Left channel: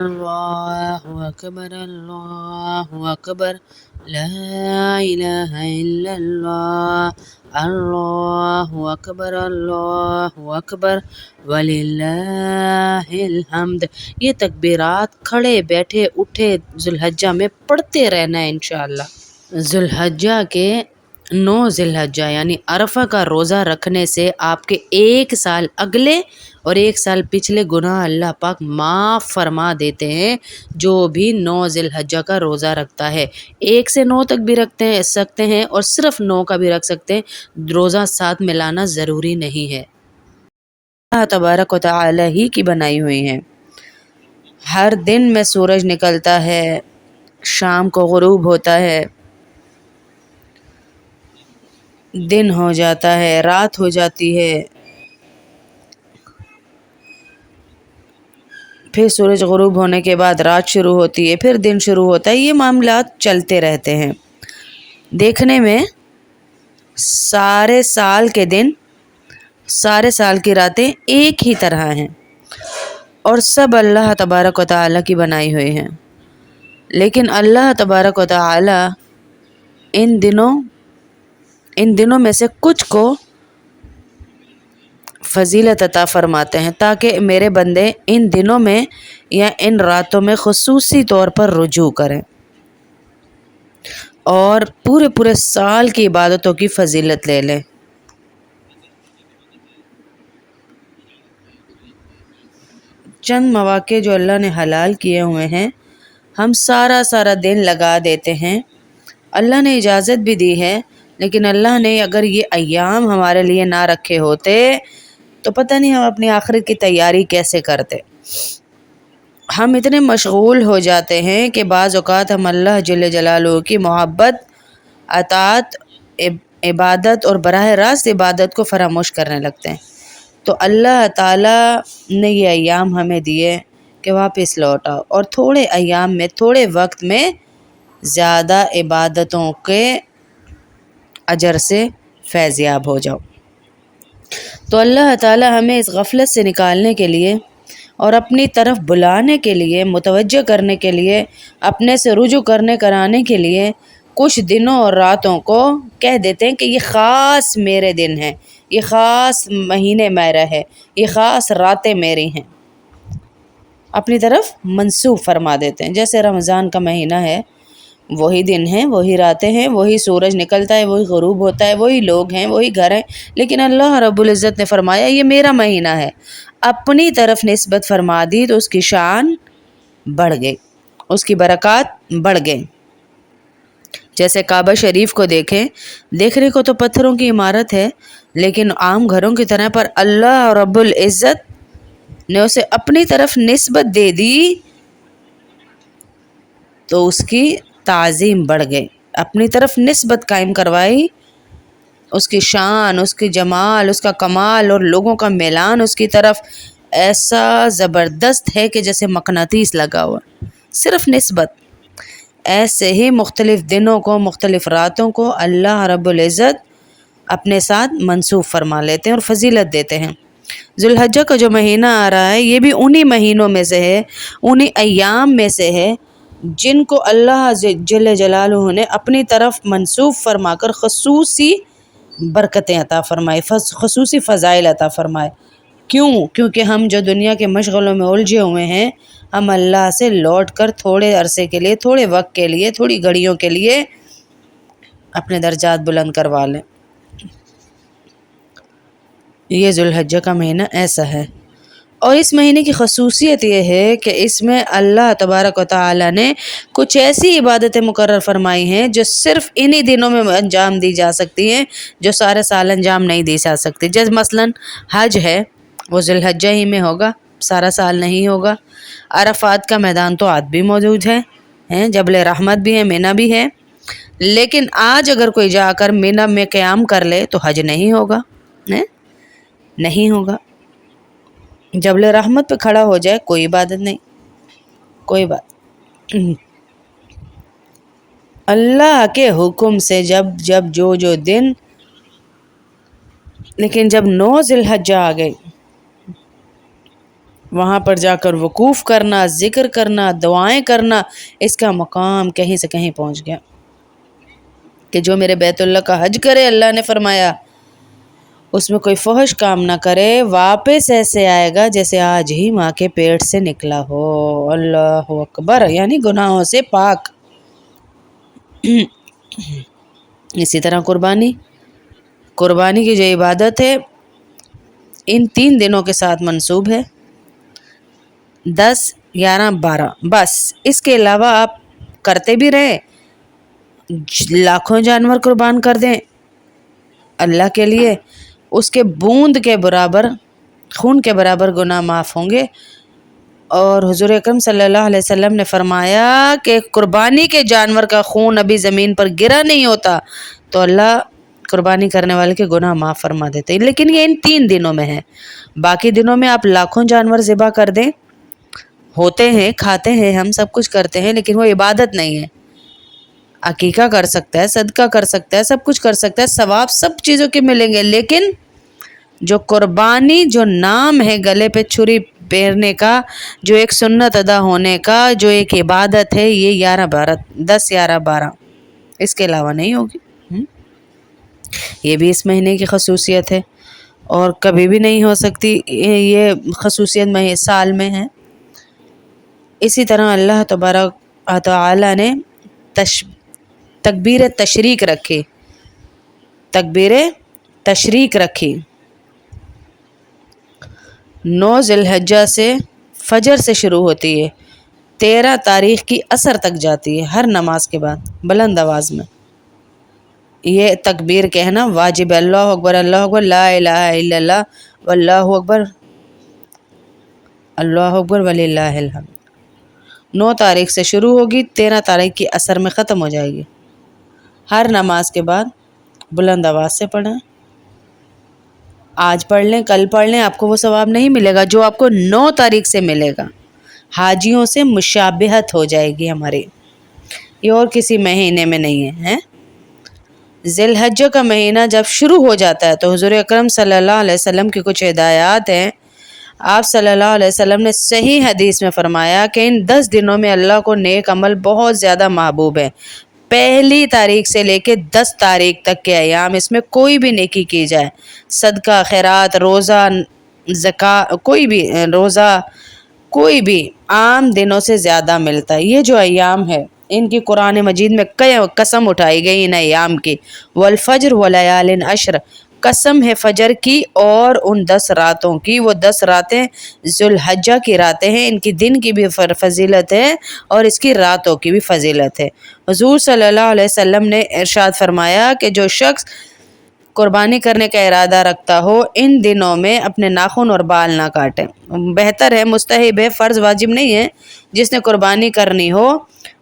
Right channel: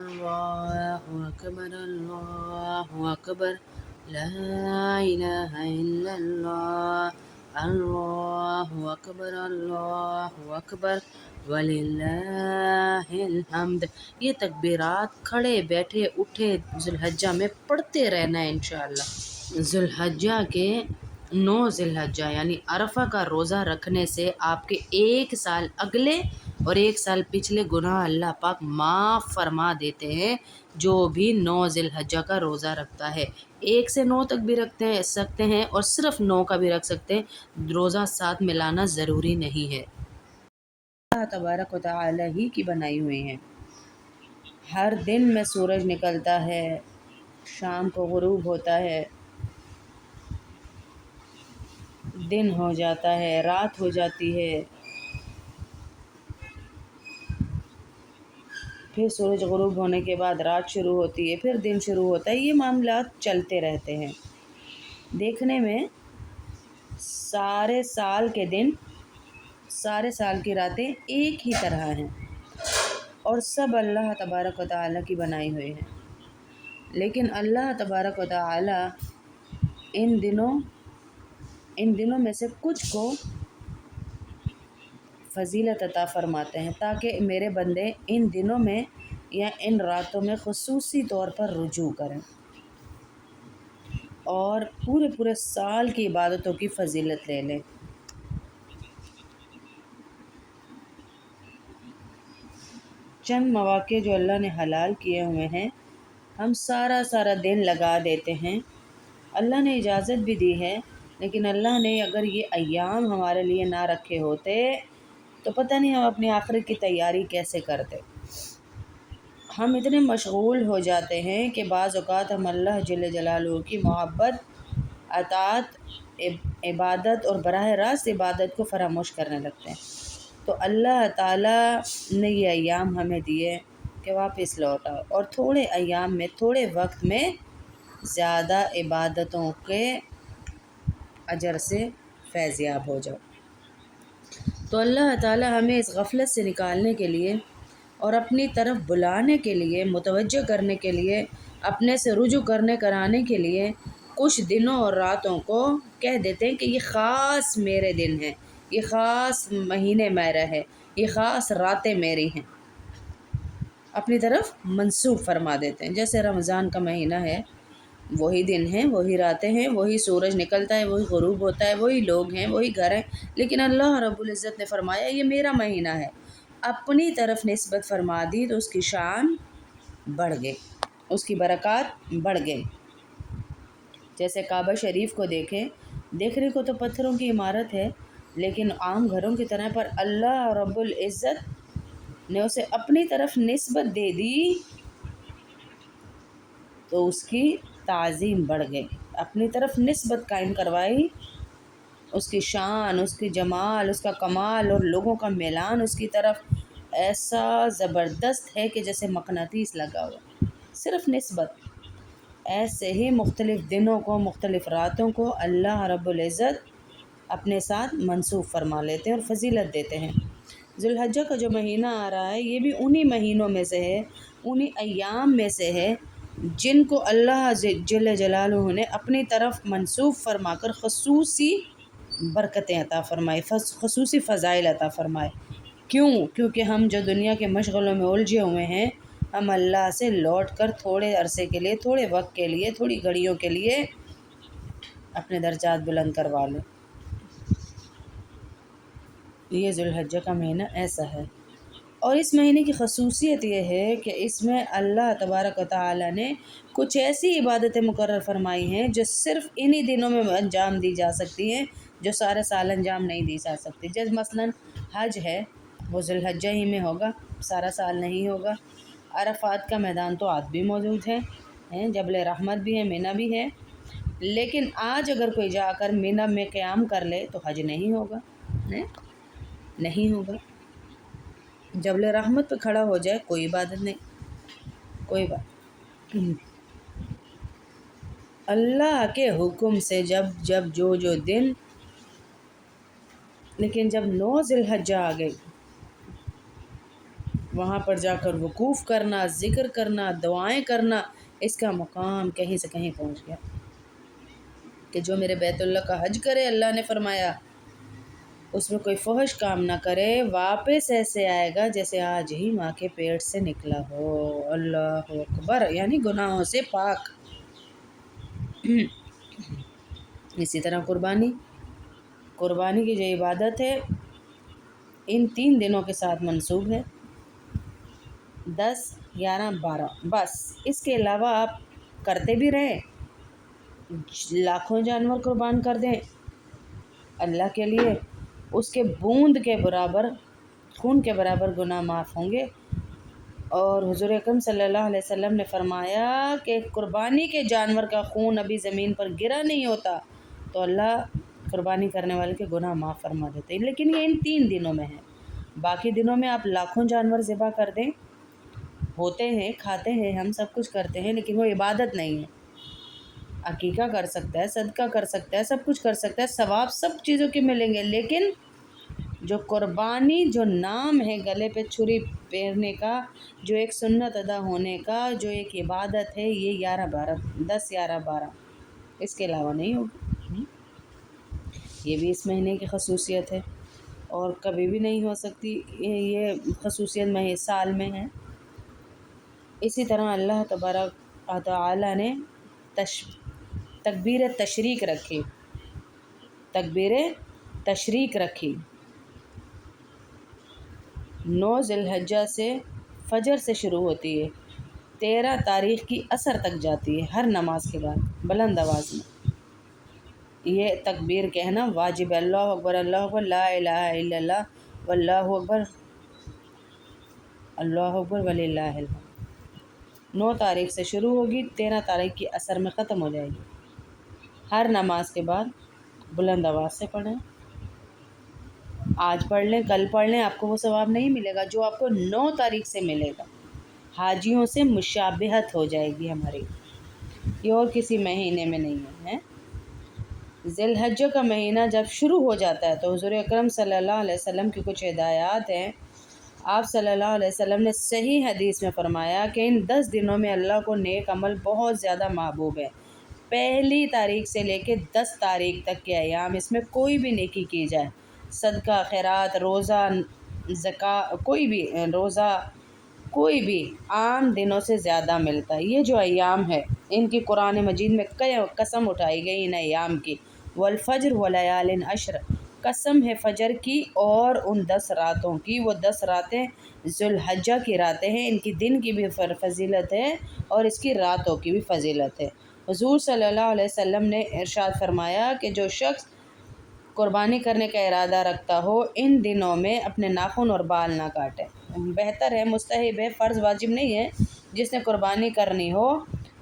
اللہ اکبر اللہ اکبر لا الہ الا اللہ اللہ اکبر وللہ الحمد۔ یہ تکبیرات کھڑے بیٹھے اٹھے ذوالحجہ میں پڑھتے رہنا ہے انشاءاللہ۔ ذوالحجہ کے 9 ذی الحجہ یعنی عرفہ کا روزہ رکھنے سے آپ کے 1 سال اگلے اور 1 سال پچھلے گناہ اللہ پاک معاف فرما دیتے ہیں، جو بھی 9 ذی الحجہ کا روزہ رکھتا ہے۔ 1 سے 9 تک بھی سکتے ہیں اور صرف 9 کا بھی رکھ سکتے ہیں، روزہ ساتھ ملانا ضروری نہیں ہے۔ اللہ تبارک و تعالی ہی کی بنائی ہوئی ہیں۔ ہر دن میں سورج نکلتا ہے، شام کو غروب ہوتا ہے، دن ہو جاتا ہے، رات ہو جاتی ہے، پھر سورج غروب ہونے کے بعد رات شروع ہوتی ہے، پھر دن شروع ہوتا ہے۔ یہ معاملات چلتے رہتے ہیں۔ دیکھنے میں سارے سال کے دن، سارے سال کی راتیں ایک ہی طرح ہیں اور سب اللہ تبارک و تعالیٰ کی بنائی ہوئی ہیں، لیکن اللہ تبارک و تعالیٰ ان دنوں میں سے کچھ کو فضیلت عطا فرماتے ہیں تاکہ میرے بندے ان دنوں میں یا ان راتوں میں خصوصی طور پر رجوع کریں اور پورے سال کی عبادتوں کی فضیلت لے لیں۔ چند مواقع جو اللہ نے حلال کیے ہوئے ہیں، ہم سارا دن لگا دیتے ہیں۔ اللہ نے اجازت بھی دی ہے، لیکن اللہ نے اگر یہ ایام ہمارے لیے نہ رکھے ہوتے تو پتہ نہیں ہم اپنی آخرت کی تیاری کیسے کرتے۔ ہم اتنے مشغول ہو جاتے ہیں کہ بعض اوقات ہم اللہ جل جلالہ کی محبت، اطاعت، عبادت اور براہ راست عبادت کو فراموش کرنے لگتے ہیں۔ تو اللہ تعالیٰ نے یہ ایام ہمیں دیے کہ واپس لوٹ آؤ اور تھوڑے ایام میں، تھوڑے وقت میں زیادہ عبادتوں کے اجر سے فیضیاب ہو جاؤ۔ تو اللہ تعالیٰ ہمیں اس غفلت سے نکالنے کے لیے اور اپنی طرف بلانے کے لیے، متوجہ کرنے کے لیے، اپنے سے رجوع کرانے کے لیے کچھ دنوں اور راتوں کو کہہ دیتے ہیں کہ یہ خاص میرے دن ہیں، یہ خاص مہینے میرا ہے، یہ خاص راتیں میری ہیں، اپنی طرف منسوب فرما دیتے ہیں۔ جیسے رمضان کا مہینہ ہے، وہی دن ہیں، وہی راتیں ہیں، وہی سورج نکلتا ہے، وہی غروب ہوتا ہے، وہی لوگ ہیں، وہی گھر ہیں، لیکن اللہ رب العزت نے فرمایا یہ میرا مہینہ ہے۔ اپنی طرف نسبت فرما دی تو اس کی شان بڑھ گئی، اس کی برکات بڑھ گئی۔ جیسے کعبہ شریف کو دیکھنے کو تو پتھروں کی عمارت ہے، لیکن عام گھروں کی طرح، پر اللہ رب العزت نے اسے اپنی طرف نسبت دے دی تو اس کی تعظیم بڑھ گئی، اپنی طرف نسبت قائم کروائی، اس کی شان، اس کی جمال، اس کا کمال اور لوگوں کا میلان اس کی طرف ایسا زبردست ہے کہ جیسے مقناطیس لگا ہوا، صرف نسبت۔ ایسے ہی مختلف دنوں کو، مختلف راتوں کو اللہ رب العزت اپنے ساتھ منسوب فرما لیتے ہیں اور فضیلت دیتے ہیں۔ ذوالحجہ کا جو مہینہ آ رہا ہے، یہ بھی انہی مہینوں میں سے ہے، انہی ایام میں سے ہے جن کو اللہ جل جلالہ نے اپنی طرف منسوب فرما کر خصوصی برکتیں عطا فرمائے، خصوصی فضائل عطا فرمائے۔ کیونکہ ہم جو دنیا کے مشغلوں میں الجھے ہوئے ہیں، ہم اللہ سے لوٹ کر تھوڑے عرصے کے لیے، تھوڑے وقت کے لیے، تھوڑی گھڑیوں کے لیے اپنے درجات بلند کروا لیں۔ یہ ذوالحجہ کا مہینہ ایسا ہے، اور اس مہینے کی خصوصیت یہ ہے کہ اس میں اللہ تبارک و تعالی نے کچھ ایسی عبادتیں مقرر فرمائی ہیں جو صرف انہی دنوں میں انجام دی جا سکتی ہیں، جو سارے سال انجام نہیں دی جا سکتی۔ جیسے مثلاً حج ہے، وہ ذوالحجہ ہی میں ہوگا، سارا سال نہیں ہوگا۔ عرفات کا میدان تو آج بھی موجود ہے، جبل رحمت بھی ہے، منی بھی ہے، لیکن آج اگر کوئی جا کر منی میں قیام کر لے تو حج نہیں ہوگا، نہیں ہوگا۔ جبل رحمت پہ کھڑا ہو جائے کوئی عبادت نہیں، کوئی بات۔ اللہ کے حکم سے جب جو دن، لیکن جب 9 ذی الحجہ آ گئی وہاں پر جا کر وقوف کرنا، ذکر کرنا، دعائیں کرنا، اس کا مقام کہیں سے کہیں پہنچ گیا کہ جو میرے بیت اللہ کا حج کرے، اللہ نے فرمایا اس میں کوئی فحش کام نہ کرے، واپس ایسے آئے گا جیسے آج ہی ماں کے پیٹ سے نکلا ہو۔ اللہ اکبر، یعنی گناہوں سے پاک۔ اسی طرح قربانی کی جو عبادت ہے ان 3 دنوں کے ساتھ منسوب ہے، 10، 11، 12، بس اس کے علاوہ آپ کرتے بھی رہے، لاکھوں جانور قربان کر دیں اللہ کے لیے، اس کے بوند کے برابر، خون کے برابر گناہ معاف ہوں گے۔ اور حضور اکرم صلی اللہ علیہ وسلم نے فرمایا کہ قربانی کے جانور کا خون ابھی زمین پر گرا نہیں ہوتا تو اللہ قربانی کرنے والے کے گناہ معاف فرما دیتے ہیں، لیکن یہ ان 3 دنوں میں ہے۔ باقی دنوں میں آپ لاکھوں جانور ذبح کر دیں، ہوتے ہیں، کھاتے ہیں، ہم سب کچھ کرتے ہیں، لیکن وہ عبادت نہیں ہے۔ عقیقہ کر سکتا ہے، صدقہ کر سکتا ہے، سب کچھ کر سکتا ہے، ثواب سب چیزوں کے ملیں گے، لیکن جو قربانی، جو نام ہے گلے پہ چھری پھیرنے کا، جو ایک سنت ادا ہونے کا، جو ایک عبادت ہے، یہ 10، 11، 12 اس کے علاوہ نہیں ہوگی۔ یہ بھی اس مہینے کی خصوصیت ہے اور کبھی بھی نہیں ہو سکتی، یہ خصوصیت سال میں ہے۔ اسی طرح اللہ تبارک و تعالی نے تکبیر تشریق رکھی 9 ذی الحجہ سے، فجر سے شروع ہوتی ہے، 13 تاریخ کی عصر تک جاتی ہے، ہر نماز کے بعد بلند آواز میں یہ تکبیر کہنا واجب ہے۔ اللہ اکبر، لا الہ الا اللہ، واللہ اکبر، اللہ اکبر وللہ الحمد۔ 9 تاریخ سے شروع ہوگی، 13 تاریخ کی عصر میں ختم ہو جائے گی۔ ہر نماز کے بعد بلند آواز سے پڑھیں، آج پڑھ لیں، کل پڑھ لیں، آپ کو وہ ثواب نہیں ملے گا جو آپ کو 9 تاریخ سے ملے گا۔ حاجیوں سے مشابہت ہو جائے گی ہماری، یہ اور کسی مہینے میں نہیں ہے۔ ذی الحجہ کا مہینہ جب شروع ہو جاتا ہے تو حضور اکرم صلی اللہ علیہ وسلم کی کچھ ہدایات ہیں۔ آپ صلی اللہ علیہ وسلم نے صحیح حدیث میں فرمایا کہ ان 10 دنوں میں اللہ کو نیک عمل بہت زیادہ محبوب ہے۔ 1 تاریخ سے لے کے 10 تاریخ تک کے ایام، اس میں کوئی بھی نیکی کی جائے، صدقہ، خیرات، روزہ، کوئی بھی عام دنوں سے زیادہ ملتا ہے۔ یہ جو ایام ہے ان کی قرآن مجید میں کئی قسم اٹھائی گئی ان ایام کی، والفجر ولیال عشر، قسم ہے فجر کی اور ان 10 راتوں کی۔ وہ 10 راتیں ذی الحجہ کی راتیں ہیں، ان کی دن کی بھی فضیلت ہے اور اس کی راتوں کی بھی فضیلت ہے۔ حضور صلی اللہ علیہ وسلم نے ارشاد فرمایا کہ جو شخص قربانی کرنے کا ارادہ رکھتا ہو ان دنوں میں اپنے ناخن اور بال نہ کاٹے۔ بہتر ہے، مستحب ہے، فرض واجب نہیں ہے۔ جس نے قربانی کرنی ہو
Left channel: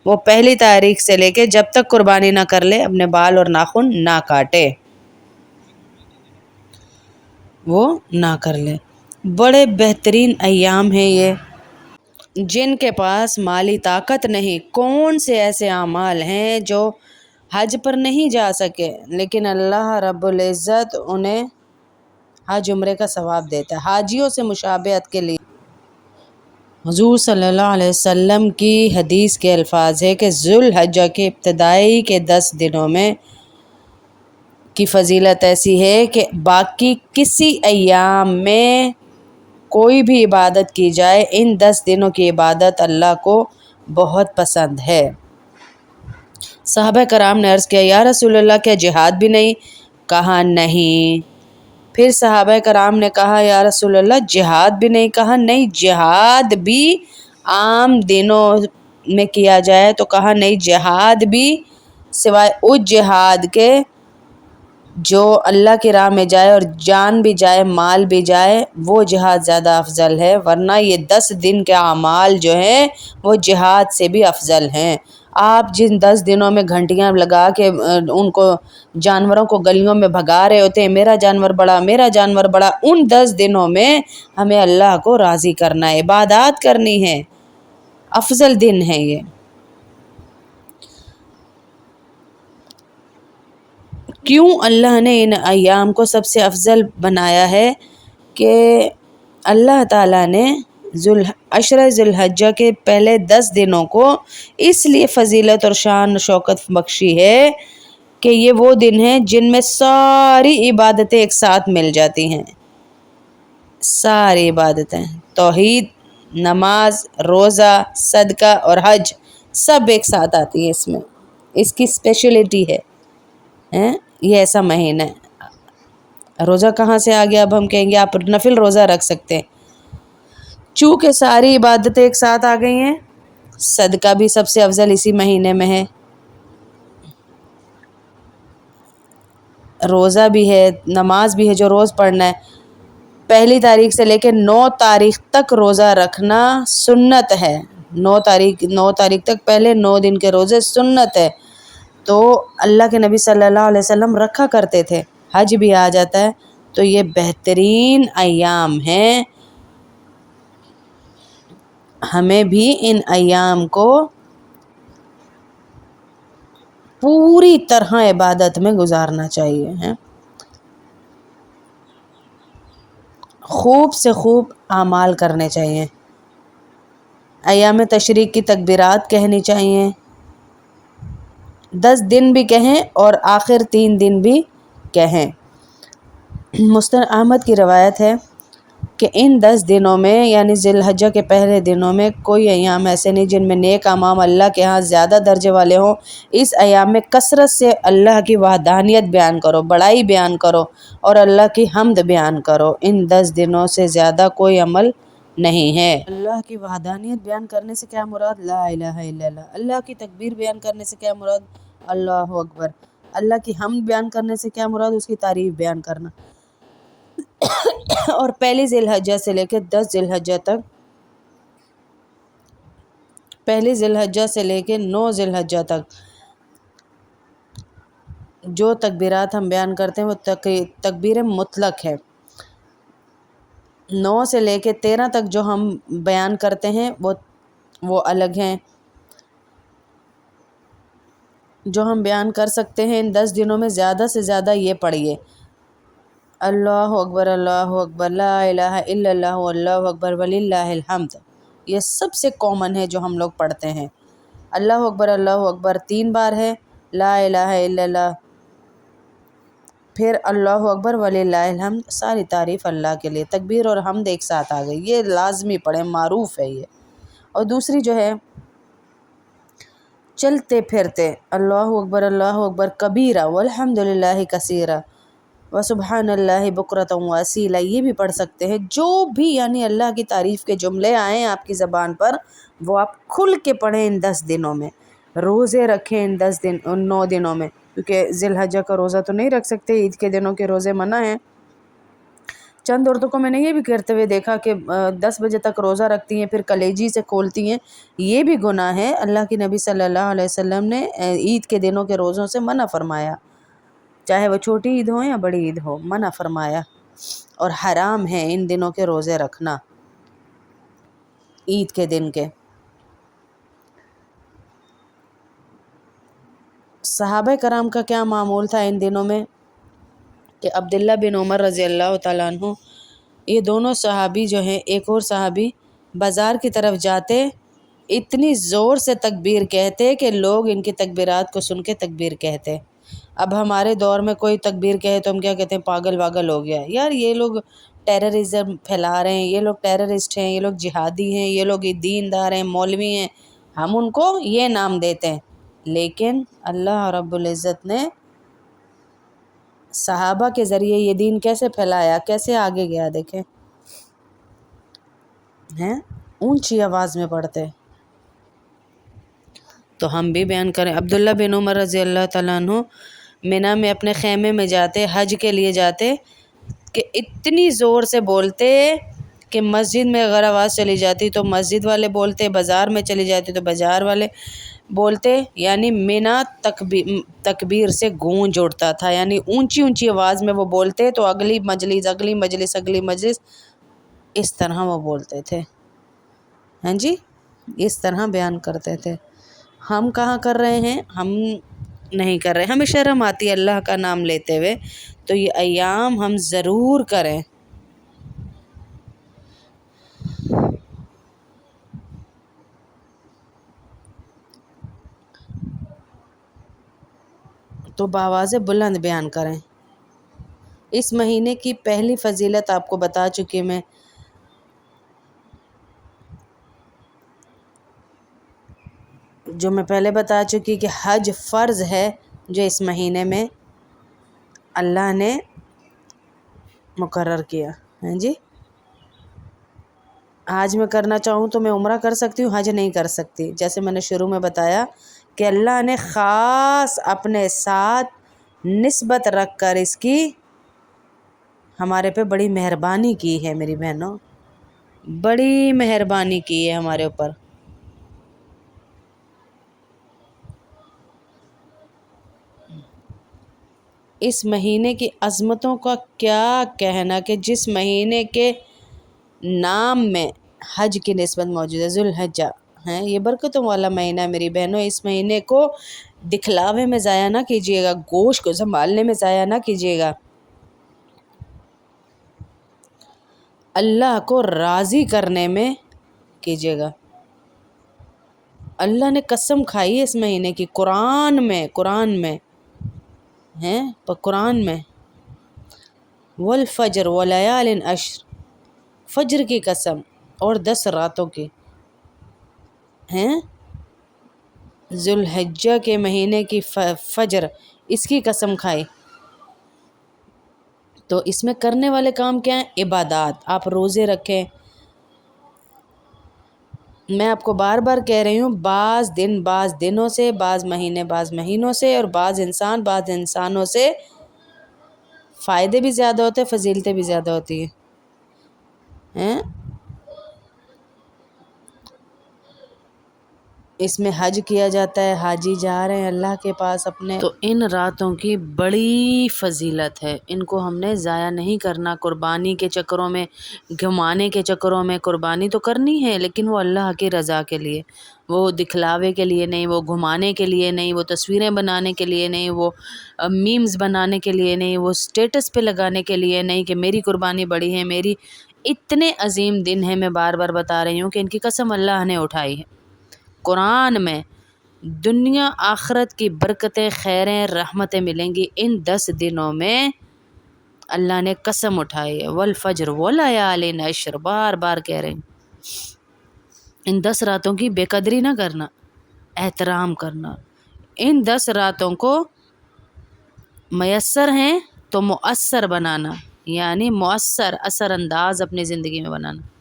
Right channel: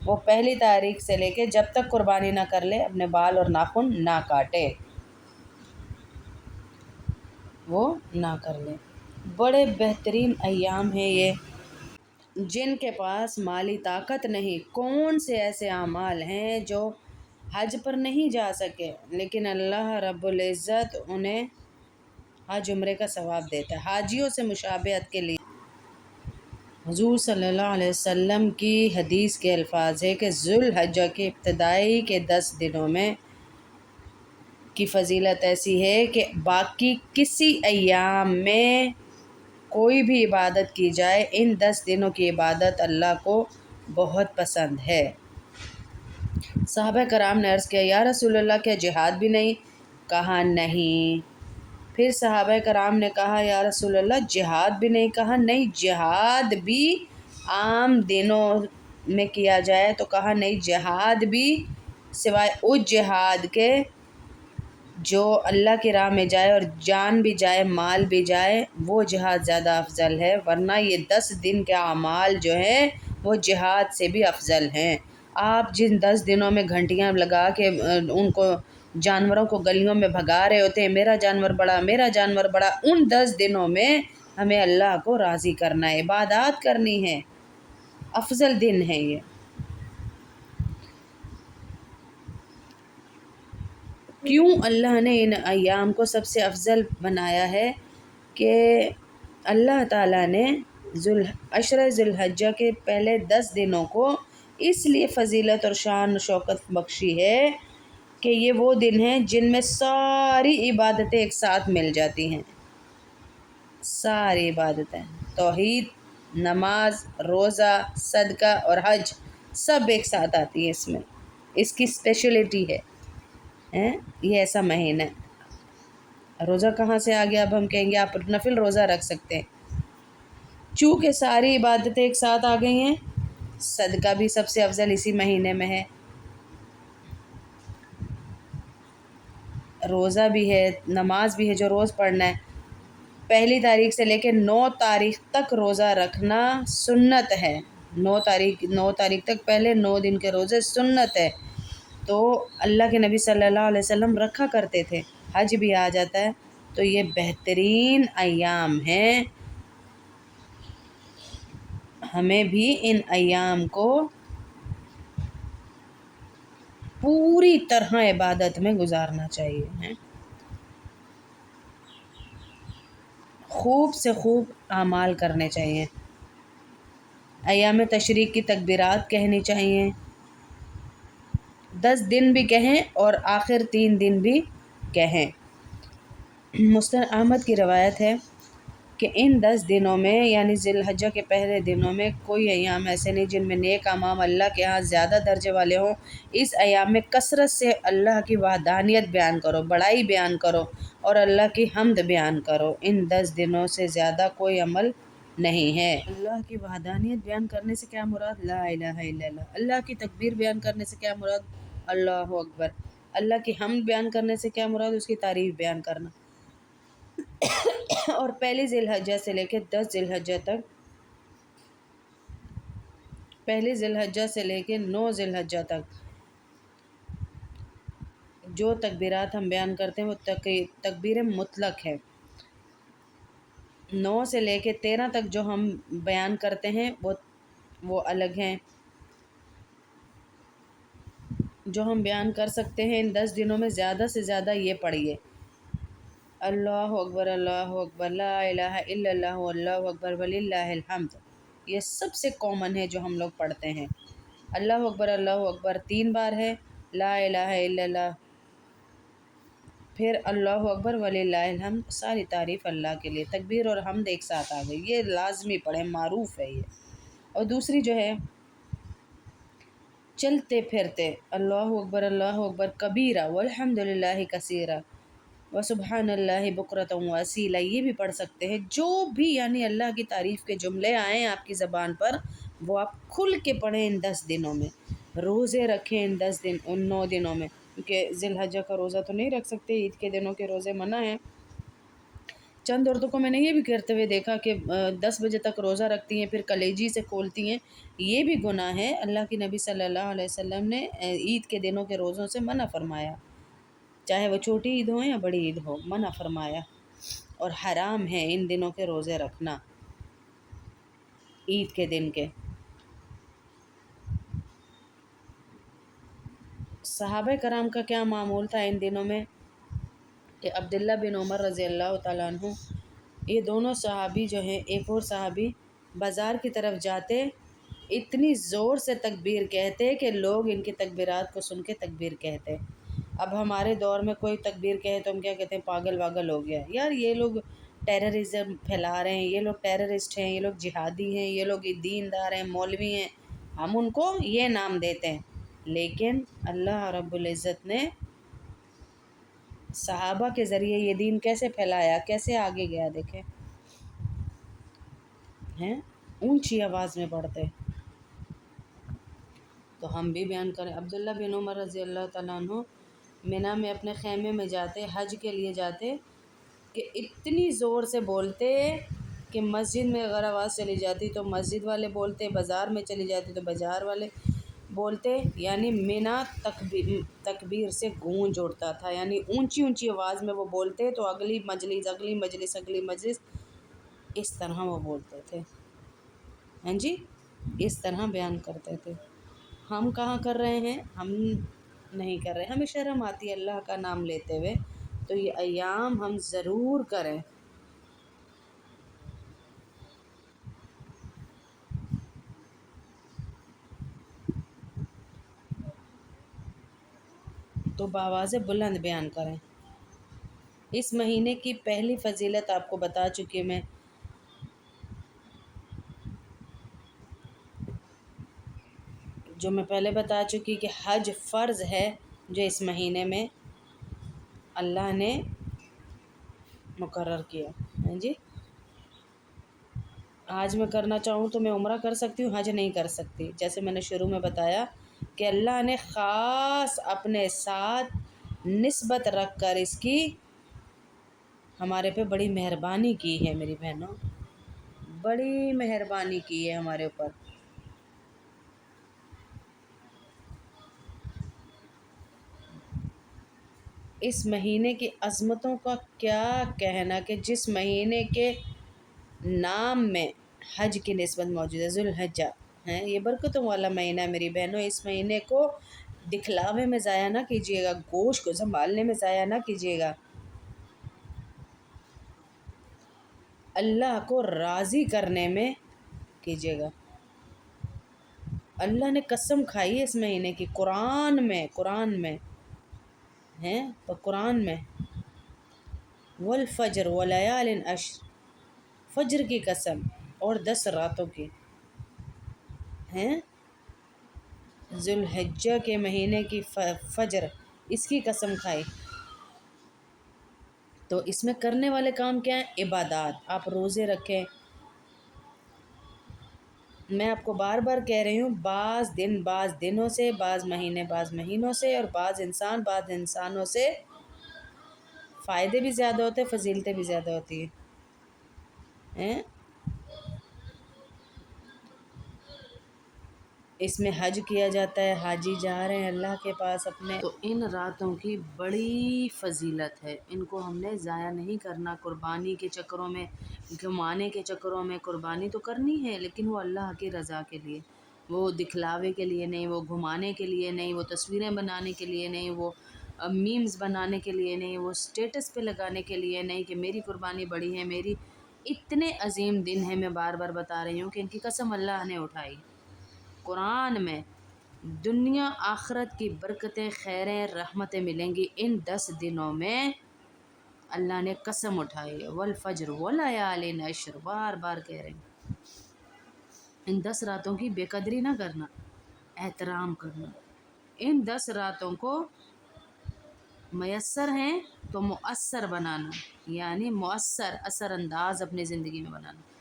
وہ 1 تاریخ سے لے کے جب تک قربانی نہ کر لے اپنے بال اور ناخن نہ کاٹے، وہ نہ کر لے۔ بڑے بہترین ایام ہیں یہ۔ جن کے پاس مالی طاقت نہیں، کون سے ایسے اعمال ہیں جو حج پر نہیں جا سکے لیکن اللہ رب العزت انہیں حج عمرے کا ثواب دیتا ہے۔ حاجیوں سے مشابہت کے لیے حضور صلی اللہ علیہ وسلم کی حدیث کے الفاظ ہے کہ ذی الحجہ کے ابتدائی کے 10 دنوں میں کی فضیلت ایسی ہے کہ باقی کسی ایام میں کوئی بھی عبادت کی جائے، ان 10 دنوں کی عبادت اللہ کو بہت پسند ہے۔ صحابہ کرام نے عرض کیا، یا رسول اللہ کیا جہاد بھی نہیں؟ کہا نہیں۔ پھر صحابہ کرام نے کہا، یا رسول اللہ جہاد بھی نہیں؟ کہا نہیں، جہاد بھی عام دنوں میں کیا جائے تو کہا نہیں، جہاد بھی سوائے اس جہاد کے جو اللہ کی راہ میں جائے اور جان بھی جائے، مال بھی جائے، وہ جہاد زیادہ افضل ہے، ورنہ یہ 10 دن کے اعمال جو ہیں وہ جہاد سے بھی افضل ہیں۔ آپ جن 10 دنوں میں گھنٹیاں لگا کے ان کو جانوروں کو گلیوں میں بھگا رہے ہوتے ہیں، میرا جانور بڑا، میرا جانور بڑا، ان 10 دنوں میں ہمیں اللہ کو راضی کرنا ہے، عبادات کرنی ہے، افضل دن ہے یہ۔ کیوں اللہ نے ان ایام کو سب سے افضل بنایا ہے کہ اللہ تعالیٰ نے عشرہ ذوالحجہ کے پہلے 10 دنوں کو اس لیے فضیلت اور شان و شوکت بخشی ہے کہ یہ وہ دن ہیں جن میں ساری عبادتیں ایک ساتھ مل جاتی ہیں. ساری عبادتیں، توحید، نماز، روزہ، صدقہ اور حج سب ایک ساتھ آتی ہے اس میں. اس کی اسپیشلٹی ہے. یہ ایسا مہینہ ہے. روزہ کہاں سے آ گیا؟ اب ہم کہیں گے آپ نفل روزہ رکھ سکتے ہیں. چونکہ ساری عبادتیں ایک ساتھ آ گئی ہیں. صدقہ بھی سب سے افضل اسی مہینے میں ہے، روزہ بھی ہے، نماز بھی ہے جو روز پڑھنا ہے. 1 تاریخ سے لے کے 9 تاریخ تک روزہ رکھنا سنت ہے. 9 تاریخ تک پہلے 9 دن کے روزے سنت ہے. تو اللہ کے نبی صلی اللہ علیہ وسلم رکھا کرتے تھے. حج بھی آ جاتا ہے تو یہ بہترین ایام ہیں. ہمیں بھی ان ایام کو پوری طرح عبادت میں گزارنا چاہیے. خوب سے خوب اعمال کرنے چاہیے. ایام تشریق کی تکبیرات کہنی چاہیے. 10 دن بھی کہیں اور آخر 3 دن بھی کہیں. مسند احمد کی روایت ہے کہ ان 10 دنوں میں یعنی ذی الحجہ کے پہلے دنوں میں کوئی ایام ایسے نہیں جن میں نیک اعمال اللہ کے ہاں زیادہ درجے والے ہوں. اس ایام میں کثرت سے اللہ کی وحدانیت بیان کرو، بڑائی بیان کرو اور اللہ کی حمد بیان کرو. ان 10 دنوں سے زیادہ کوئی عمل نہیں ہے. اللہ کی وحدانیت بیان کرنے سے کیا مراد؟ لا الہ الا اللہ. اللہ کی تکبیر بیان کرنے سے کیا مراد؟ اللہ اکبر. اللہ کی حمد بیان کرنے سے کیا مراد؟ اس کی تعریف بیان کرنا. اور 1 ذی الحجہ سے لے کے 10 ذی الحجہ تک، 1 ذی الحجہ سے لے کے 9 ذی الحجہ تک جو تکبیرات ہم بیان کرتے ہیں وہ تکبیر مطلق ہے. 9 سے لے کے 13 تک جو ہم بیان کرتے ہیں وہ الگ ہیں. جو ہم بیان کر سکتے ہیں ان 10 دنوں میں زیادہ سے زیادہ یہ پڑھیے: اللہ اکبر، اللہ اکبر، لا الہ الا اللہ، اللہ اکبر وللہ الحمد. یہ سب سے کامن ہے جو ہم لوگ پڑھتے ہیں. اللہ اکبر 3 بار ہے، لا الہ الا اللہ، پھر اللہ اکبر وللہ الحمد. ساری تعریف اللہ کے لیے. تکبیر اور حمد ایک ساتھ آ گئی. یہ لازمی پڑھیں، معروف ہے یہ. اور دوسری جو ہے چلتے پھرتے اللہ اکبر کبیرہ والحمد للہ کثیرہ وسبحان اللہ بکرۃ واصیلا، یہ بھی پڑھ سکتے ہیں. جو بھی یعنی اللہ کی تعریف کے جملے آئیں آپ کی زبان پر وہ آپ کھل کے پڑھیں ان 10 دنوں میں. روزے رکھیں ان 9 دنوں میں، کیونکہ ذی الحجہ کا روزہ تو نہیں رکھ سکتے، عید کے دنوں کے روزے منع ہیں. چند عورتوں کو میں نے یہ بھی کرتے ہوئے دیکھا کہ 10 بجے تک روزہ رکھتی ہیں پھر کلیجی سے کھولتی ہیں. یہ بھی گناہ ہے. اللہ کی نبی صلی اللہ علیہ وسلم نے عید کے دنوں کے روزوں سے منع فرمایا، چاہے وہ چھوٹی عید ہو یا بڑی عید ہو، منع فرمایا. اور حرام ہے ان دنوں کے روزے رکھنا، عید کے دن کے. صحابہ کرام کا کیا معمول تھا ان دنوں میں کہ عبداللہ بن عمر رضی اللہ تعالیٰ عنہ، یہ دونوں صحابی جو ہیں، ایک اور صحابی بازار کی طرف جاتے، اتنی زور سے تکبیر کہتے کہ لوگ ان کی تکبیرات کو سن کے تکبیر کہتے. اب ہمارے دور میں کوئی تکبیر کہے تو ہم کیا کہتے ہیں؟ پاگل واگل ہو گیا. یار یہ لوگ ٹیررزم پھیلا رہے ہیں، یہ لوگ ٹیررسٹ ہیں، یہ لوگ جہادی ہیں، یہ لوگ دیندار ہیں، مولوی ہیں. ہم ان کو یہ نام دیتے ہیں. لیکن اللہ رب العزت نے صحابہ کے ذریعے یہ دین کیسے پھیلایا، کیسے آگے گیا. دیکھیں اونچی آواز میں پڑھتے. تو ہم بھی بیان کریں. عبداللہ بن عمر رضی اللہ تعالیٰ عنہ منی میں اپنے خیمے میں جاتے، حج کے لیے جاتے، کہ اتنی زور سے بولتے کہ مسجد میں اگر آواز چلی جاتی تو مسجد والے بولتے، بازار میں چلی جاتی تو بازار والے بولتے. یعنی منی تکبیر سے گونج اڑتا تھا. یعنی اونچی اونچی آواز میں وہ بولتے تو اگلی مجلس اس طرح وہ بولتے تھے. ہاں جی، اس طرح بیان کرتے تھے. ہم کہاں کر رہے ہیں؟ ہم نہیں کر رہے. ہمیں شرم آتی ہے اللہ کا نام لیتے ہوئے. تو یہ ایام ہم ضرور کریں. تو بآواز بلند بیان کریں۔ اس مہینے کی پہلی فضیلت آپ کو بتا چکی میں، جو میں پہلے بتا چکی کہ حج فرض ہے، جو اس مہینے میں اللہ نے مقرر کیا ہے جی۔ آج میں کرنا چاہوں تو میں عمرہ کر سکتی ہوں، حج نہیں کر سکتی، جیسے میں نے شروع میں بتایا کہ اللہ نے خاص اپنے ساتھ نسبت رکھ کر اس کی ہمارے پہ بڑی مہربانی کی ہے میری بہنوں، بڑی مہربانی کی ہے ہمارے اوپر۔ اس مہینے کی عظمتوں کا کیا کہنا کہ جس مہینے کے نام میں حج کی نسبت موجود ہے، ذوالحجہ ہے، یہ برکتوں والا مہینہ ہے میری بہنوں۔ اس مہینے کو دکھلاوے میں ضائع نہ کیجیے گا، گوشت کو سنبھالنے میں ضائع نہ کیجیے گا، اللہ کو راضی کرنے میں کیجیے گا۔ اللہ نے قسم کھائی ہے اس مہینے کی، قرآن میں ہیں، قرآن میں والفجر ولیال عشر، فجر کی قسم اور 10 راتوں کی ہیں، ذوالحجہ کے مہینے کی فجر، اس کی قسم کھائی۔ تو اس میں کرنے والے کام کیا ہیں؟ عبادات، آپ روزے رکھیں۔ میں آپ کو بار بار کہہ رہی ہوں، بعض دنوں سے، بعض مہینوں سے، اور بعض انسانوں سے فائدے بھی زیادہ ہوتے ہیں، فضیلتیں بھی زیادہ ہوتی ہیں۔ اس میں حج کیا جاتا ہے، حاجی جا رہے ہیں اللہ کے پاس اپنے، تو ان راتوں کی بڑی فضیلت ہے، ان کو ہم نے ضائع نہیں کرنا قربانی کے چکروں میں، گھمانے کے چکروں میں۔ قربانی تو کرنی ہے لیکن وہ اللہ کی رضا کے لیے، وہ دکھلاوے کے لیے نہیں، وہ گھمانے کے لیے نہیں، وہ تصویریں بنانے کے لیے نہیں، وہ میمز بنانے کے لیے نہیں، وہ سٹیٹس پہ لگانے کے لیے نہیں کہ میری قربانی بڑی ہے، میری اتنے عظیم دن ہے۔ میں بار بار بتا رہی ہوں کہ ان کی قسم اللہ نے اٹھائی ہے قرآن میں، دنیا آخرت کی برکتیں، خیریں، رحمتیں ملیں گی ان 10 دنوں میں، اللہ نے قسم اٹھائی ہے۔ والفجر ولیال عشر، بار بار کہہ رہے ہیں، ان 10 راتوں کی بے قدری نہ کرنا، احترام کرنا۔ ان 10 راتوں کو میسر ہیں تو مؤثر بنانا، یعنی مؤثر، اثر انداز اپنی زندگی میں بنانا۔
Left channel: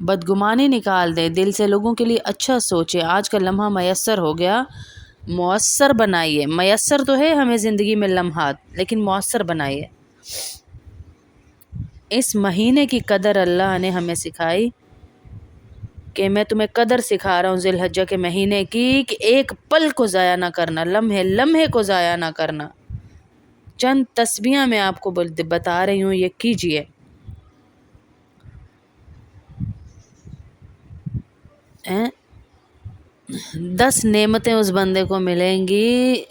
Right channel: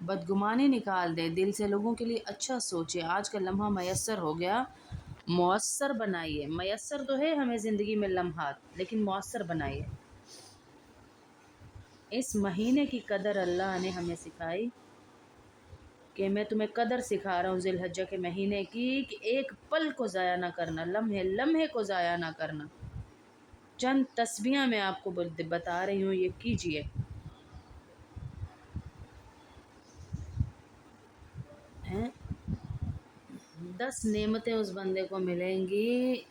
بدگمانی نکال دیں دل سے، لوگوں کے لیے اچھا سوچیں۔ آج کا لمحہ میسر ہو گیا، مؤثر بنائیے۔ میسر تو ہے ہمیں زندگی میں لمحات، لیکن مؤثر بنائیے۔ اس مہینے کی قدر اللہ نے ہمیں سکھائی کہ میں تمہیں قدر سکھا رہا ہوں ذوالحجہ کے مہینے کی، کہ ایک پل کو ضائع نہ کرنا، لمحے کو ضائع نہ کرنا۔ چند تسبیحاں میں آپ کو بتا رہی ہوں، یہ کیجئے۔ 10 نعمتیں اس بندے کو ملیں گی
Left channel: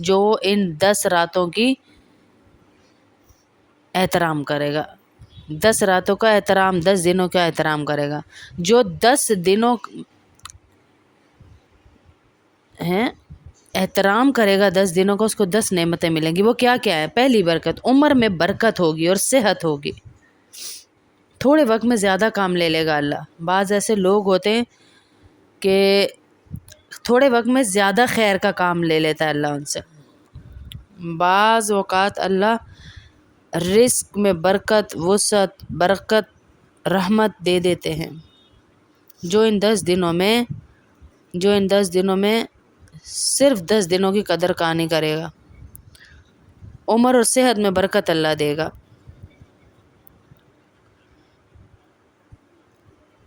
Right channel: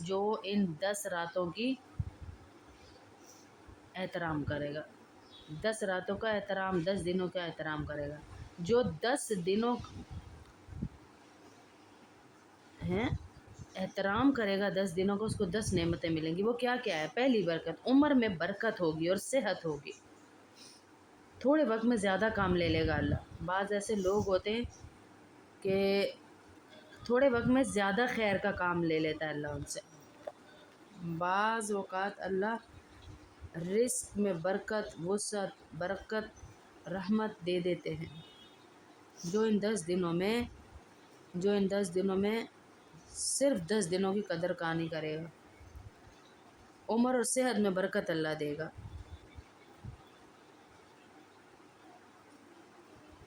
جو ان 10 راتوں کی احترام کرے گا، 10 راتوں کا احترام، 10 دنوں کا احترام کرے گا۔ جو 10 دنوں احترام کرے گا، 10 دنوں کا، اس کو 10 نعمتیں ملیں گی۔ وہ کیا کیا ہے؟ پہلی برکت، عمر میں برکت ہوگی اور صحت ہوگی۔ تھوڑے وقت میں زیادہ کام لے لے گا اللہ۔ بعض ایسے لوگ ہوتے ہیں کہ تھوڑے وقت میں زیادہ خیر کا کام لے لیتا ہے اللہ ان سے۔ بعض اوقات اللہ رزق میں برکت، وسعت، برکت، رحمت دے دیتے ہیں۔ جو ان 10 دنوں میں صرف 10 دنوں کی قدر کانی کرے گا، عمر اور صحت میں برکت اللہ دے گا،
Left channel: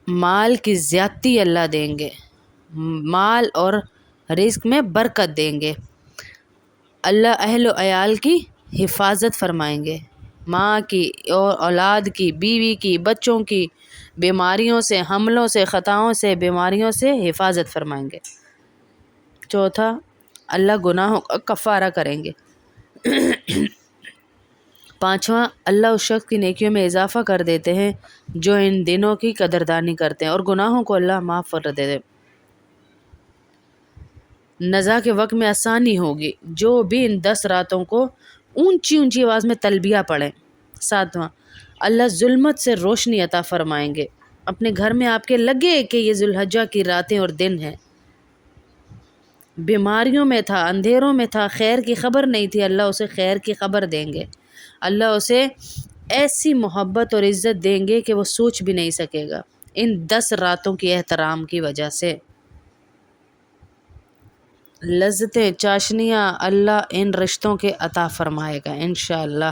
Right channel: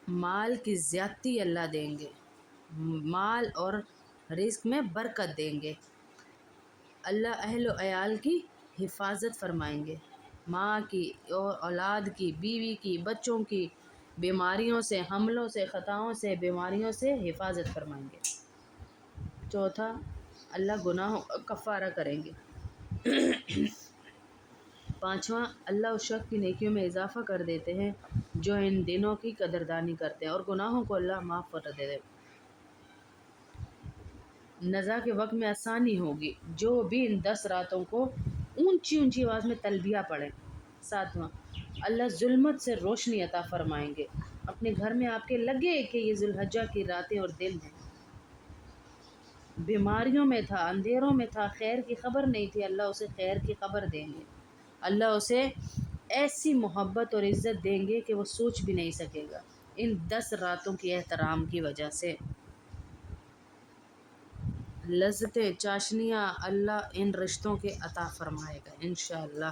مال کی زیادتی اللہ دیں گے، مال اور رزق میں برکت دیں گے، اللہ اہل و عیال کی حفاظت فرمائیں گے، ماں کی اور اولاد کی، بیوی کی، بچوں کی، بیماریوں سے، حملوں سے، خطاؤں سے، بیماریوں سے حفاظت فرمائیں گے۔ چوتھا، اللہ گناہوں کا کفارہ کریں گے۔ پانچواں، اللہ اس شخص کی نیکیوں میں اضافہ کر دیتے ہیں جو ان دنوں کی قدردانی کرتے ہیں، اور گناہوں کو اللہ معاف کر دیتے ہیں۔ نزا کے وقت میں آسانی ہوگی۔ جو بھی ان 10 راتوں کو اونچی اونچی آواز میں تلبیہ پڑھیں۔ 7واں، اللہ ظلمت سے روشنی عطا فرمائیں گے۔ اپنے گھر میں آپ کے لگے کہ یہ ذوالحجہ کی راتیں اور دن ہیں۔ بیماریوں میں تھا، اندھیروں میں تھا، خیر کی خبر نہیں تھی، اللہ اسے خیر کی خبر دیں گے۔ اللہ اسے ایسی محبت اور عزت دیں گے کہ وہ سوچ بھی نہیں سکے گا، ان 10 راتوں کی احترام کی وجہ سے۔ لذتیں، چاشنیاں اللہ ان رشتوں کے عطا فرمائے گا انشاءاللہ،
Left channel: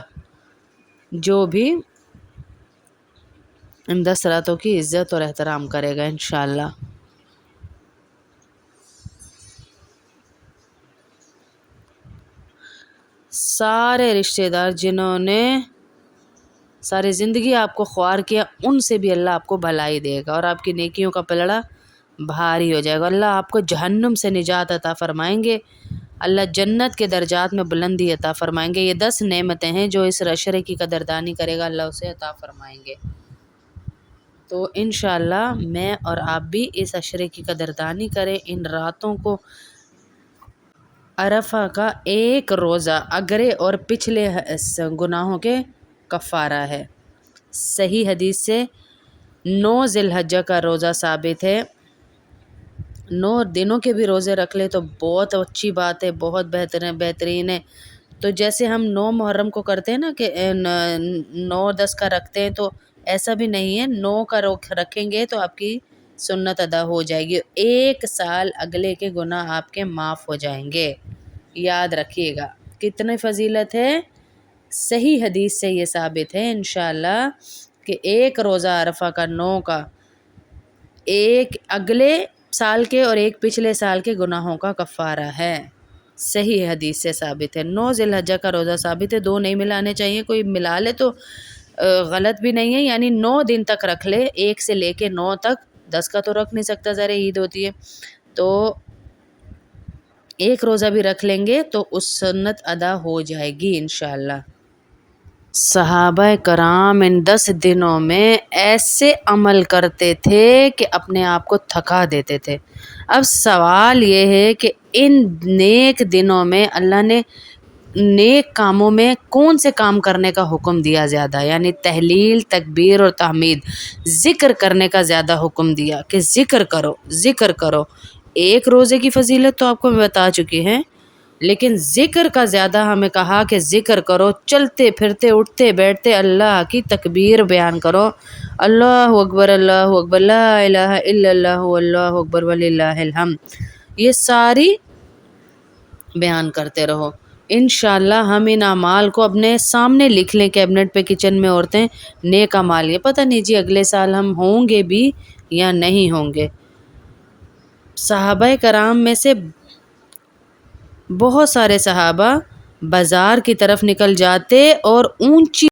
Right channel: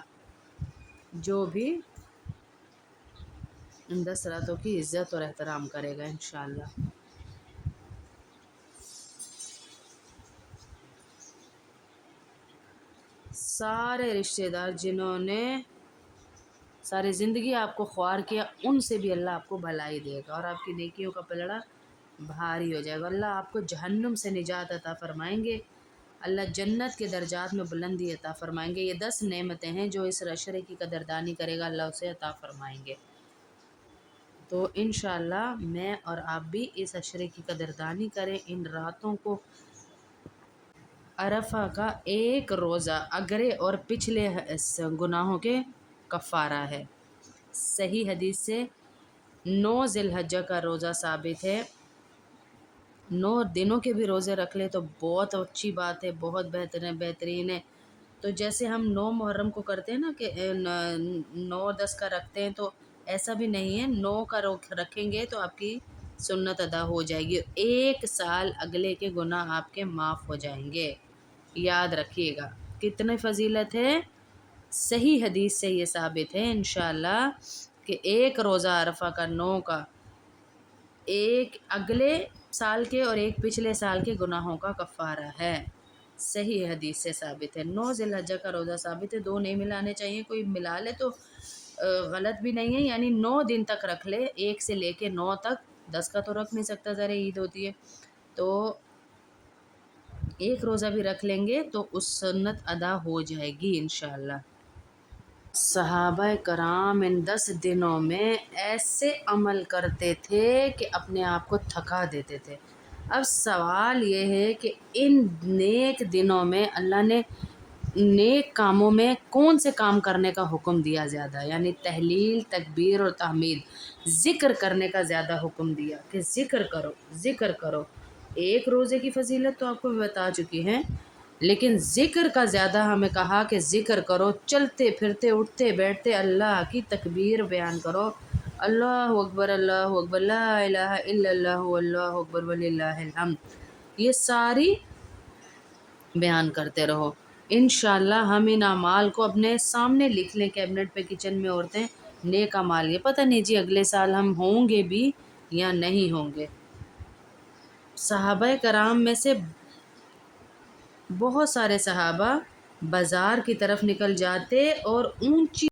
جو بھی ان 10 راتوں کی عزت اور احترام کرے گا انشاءاللہ۔ سارے رشتہ دار جنہوں نے ساری زندگی آپ کو خوار کیا، ان سے بھی اللہ آپ کو بھلائی دے گا اور آپ کی نیکیوں کا پلڑا بھاری ہو جائے گا۔ اللہ آپ کو جہنم سے نجات عطا فرمائیں گے، اللہ جنت کے درجات میں بلندی عطا فرمائیں گے۔ یہ 10 نعمتیں ہیں جو اس عشرے کی قدردانی کرے گا، اللہ اسے عطا فرمائیں گے۔ تو انشاءاللہ میں اور آپ بھی اس عشرے کی قدردانی کریں، ان راتوں کو۔ عرفہ کا ایک روزہ اگرے اور پچھلے گناہوں کے کفارہ ہے۔ صحیح حدیث سے 9 ذی الحجہ کا روزہ ثابت ہے۔ 9 دنوں کے بھی روزے رکھ لے تو بہت اچھی بات ہے، بہت بہترین ہے۔ تو جیسے ہم 9 محرم کو کرتے ہیں نا کہ 9-10 کا رکھتے ہیں، تو ایسا بھی نہیں ہے، 9 کا رکھیں گے تو آپ کی سنت ادا ہو جائے گی، 1 سال اگلے کے گناہ آپ کے معاف ہو جائیں گے۔ یاد رکھیے گا کتنی فضیلت ہے، صحیح حدیث سے یہ ثابت ہے انشاءاللہ کہ ایک روزہ عرفہ کا 9 کا، ایک اگلے سال کے اور ایک پچھلے سال کے گناہوں کا کفارہ ہے، صحیح حدیث سے ثابت ہے۔ 9 ذی الحجہ کا روزہ ثابت ہے، 2 نہیں ملانے چاہیے، کوئی ملا لے تو غلط بھی نہیں ہے، یعنی 9 دن تک رکھ لے، 1 سے لے کے 9 تک، 10 کا تو رکھ نہیں سکتا، ذرا عید ہوتی ہے، تو ایک روزہ بھی رکھ لیں گے تو اس سنت ادا ہو جائے گی انشاءاللہ۔ صحابہ کرام ان 10 دنوں میں ایسے عمل کرتے تھے کہ اپنے آپ کو تھکا دیتے تھے۔ اب سوال یہ ہے کہ ان نیک دنوں میں اللہ نے نیک کاموں میں کون سے کام کرنے کا حکم دیا زیادہ، یعنی تحلیل، تکبیر اور تحمید، ذکر کرنے کا زیادہ حکم دیا کہ ذکر کرو، ذکر کرو۔ ایک روزے کی فضیلت تو آپ کو میں بتا چکی ہیں، لیکن ذکر کا زیادہ ہمیں کہا کہ ذکر کرو، چلتے پھرتے اٹھتے بیٹھتے اللہ کی تکبیر بیان کرو، اللہ اکبر، اللہ اکبر، لا الہ الا اللہ، اللہ اکبر وللہ الحمد، یہ ساری بیان کرتے رہو۔ انشاءاللہ ہم ان اعمال کو اپنے سامنے لکھ لیں کیبنٹ پہ، کچن میں عورتیں، نیک اعمال، یہ پتہ نہیں جی اگلے سال ہم ہوں گے بھی یا نہیں ہوں گے۔ صحابہ کرام میں سے بہت سارے صحابہ بازار کی طرف نکل جاتے اور اونچی